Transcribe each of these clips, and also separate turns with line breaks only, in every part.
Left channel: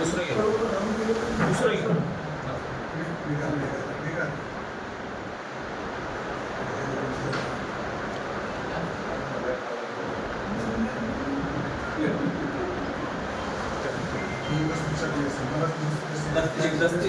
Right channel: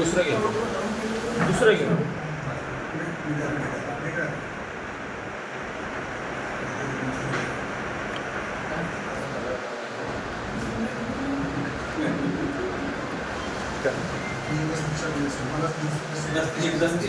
दुसरं घे. दुसरं घे. दस्ती दस्ती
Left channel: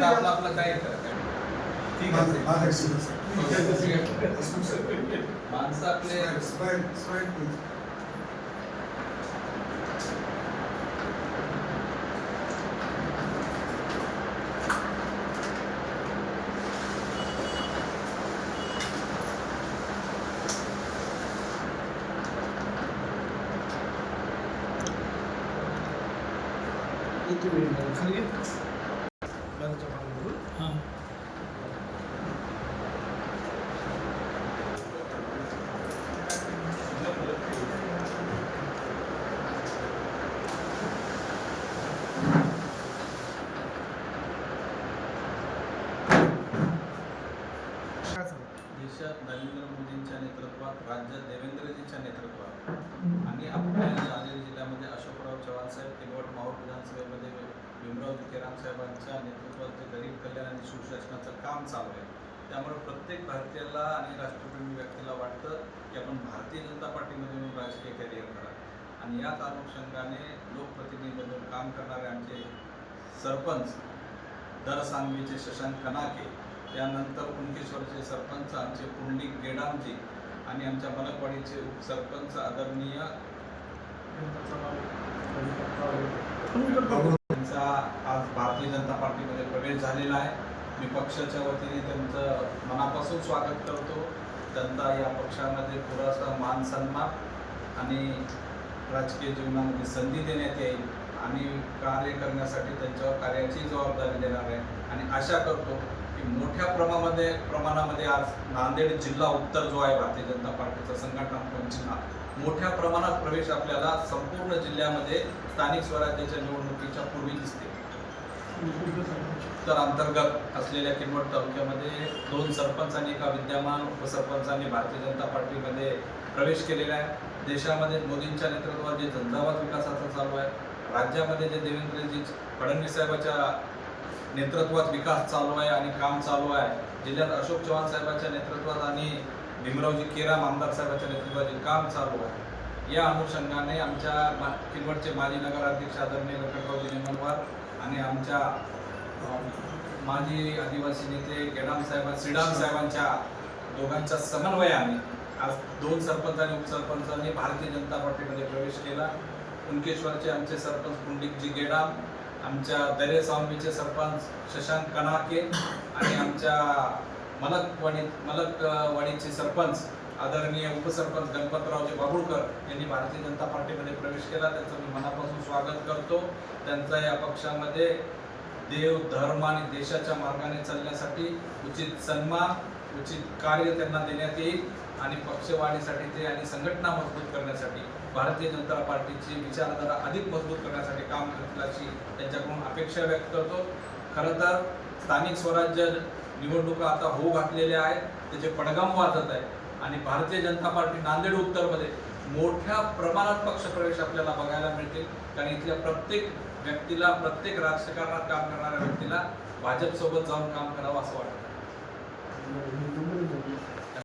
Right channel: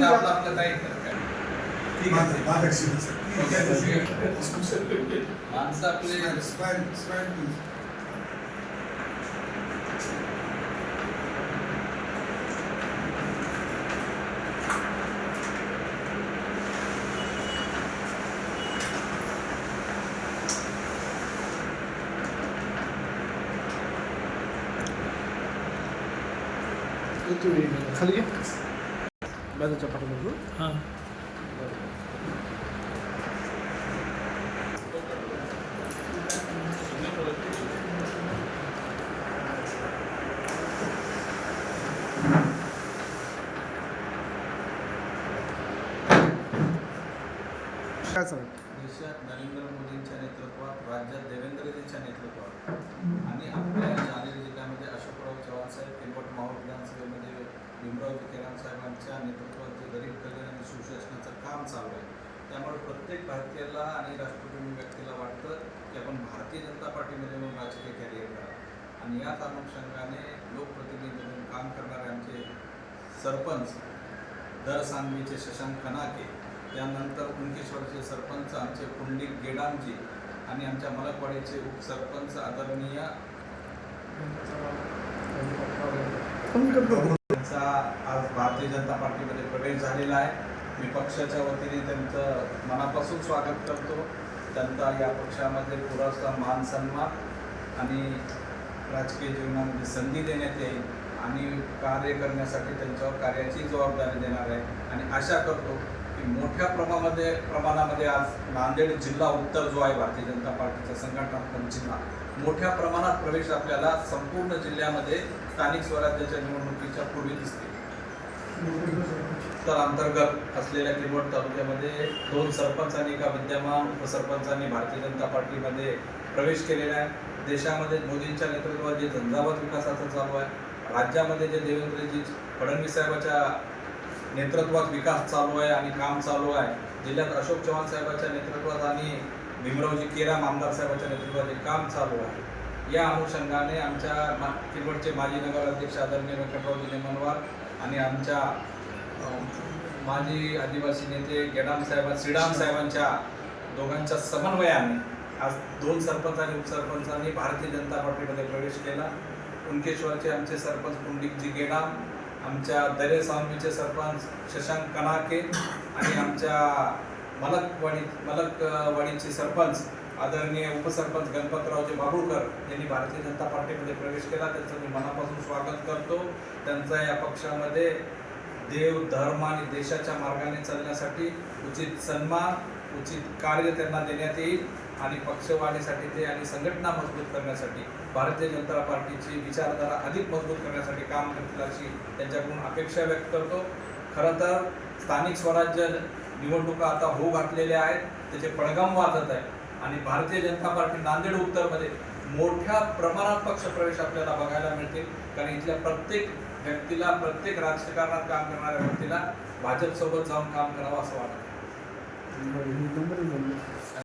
आपलं आपलं काय करत ठीक आहे माणसं आपले
खाली बाजूच्या पाठीमागे.
हां.
काय सांग?
देशात नरेंद्र मोदींच्या नेतृत्वात राज्यात देवेंद्रजीच्या नेतृत्वात आणि आपल्या जालना जिल्ह्यामध्ये अशोकराव चव्हाण साहेब किनवट माहूर विधानसभेमध्ये भीमराव विखेराम साहेबांच्या नेतृत्वात जे गरीब कल्याण आणि सुशासनाचं काम चालू आहे त्यामुळे प्रत्येक भारतीयाला आणि राष्ट्रप्रेमी व्यक्तीला वाटतं की आपण भारतीय जनता पार्टीमध्ये म्हणून राजकीय कॅरियर करा. आणि याच अनुषंगाने लोकप्रतिनिधी म्हणून काम करणारे आमचे सरपंच दर सांगवीचे शशांक कनाके त्यानंतर कुणकेश्वरचे सरपंच आमचे पुंडलिक गेडामजी आणि आमच्या मलकवाडीचे उपसरपंच आदरणीय त्यांचा आज भारतीय जनता पार्टीमध्ये प्रवेश झालेला आहे. मी पक्षाच्या वतीने त्यांचं मनापासून स्वागत करतो. त्यांचा या पक्षामध्ये पुरासा मान सन्मान आणि राजकीय जीवनामध्ये संधी देण्यात येईल आणि कार्य करण्यासाठी त्यांच्यावर कार्याची जबाबदारी देणार आहे. आणि आशा करतो की मोठ्या प्रमाणामध्ये प्रमाणामध्ये आज नांदेड जिल्हा उत्तर जो आहे भारतीय जनता पार्टीचा संघटनात्मक जिल्हा मोठ्या प्रमाणात प्रवेश आपल्याला संपूर्ण जिल्ह्यामध्ये स्थानिक स्वराज्याच्या निवडणुकीच्या पूर्वी दिसते. तर अंतर्गत असलेल्या किनवट तालुक्यामध्ये दोन सरपंच आणि एका विद्यमान उपसरपंचांनी भारतीय जनता पार्टीमध्ये प्रवेश केलेला आहे. देशामध्ये मोदींच्या नेतृत्वात जे झंझावात विकासाचं चालू आहे. राज्यामध्ये जे देवेंद्रजी फडणवीस साहेबाच्या नेतृत्वात विकास चालू आहे आणि काम चालू आहे. जिल्ह्यात अशोक चव्हाण साहेबांच्या नेतृत्वात आणि भीमरावजी केराम आमदार साहेबांच्या नेतृत्वात काम चालू आहे. या अनुषंगाने आमच्या मा किनवटचे माजी नगराध्यक्ष आदरणीय व्यंकटरावजी नेमनवार आणि आमच्या माजी आदिवासी नेते गेडाम साहेबां श्रीडाम साहेबांच्या दोघांच्या समन्वयाने आज दोन सरपंच आणि उपसरपंचांनी भारतीय जनता पार्टीमध्ये प्रवेश केला. कुणकेश्वरचे आमचे सरपंच पुंडिकजी गेडाम आमच्या दरे सावंबीचे सरपंच शशांक कनाके आणि आमच्या मलकवाडी मलकवाडीचे सरपंच आदरणीय उपसरपंच गणपतरावजी बाबुळकर यांनी भारतीय जनता पार्टीमध्ये प्रवेश केला. त्यांचं मी मनापासून स्वागत करतो. त्यांचा या पक्षामध्ये देव धर्म आणि देशाच्या मार्गाने चालण्यासाठी उचित सन्मान उचित कार्य त्यांना देण्यात येईल आणि पक्षवाढीसाठी ते आणि संघटना मजबूत करण्यासाठी भारतीय जनता पार्टीची विचारधारा अधिक मजबूत करण्यासाठी काम करतील अशी त्यांच्याकडून अपेक्षा व्यक्त करतो. खरं तर स्थानिक स्वराज्य निवडणुका आता होऊ घातलेल्या आहेत त्याचे पडगम वाजत आहे. आणि भारतीय जनता पार्टी नांदेड उत्तरमध्ये मोठ्या प्रमाणात पक्षप्रवेश आपल्याला बघायला मिळते. कारण इथल्या प्रत्येक व्यक्तीला प्रत्येक राजकारणात काम करणाऱ्या व्यक्तीला भाजपसोबत जाऊन काम करावं असं वाटतं.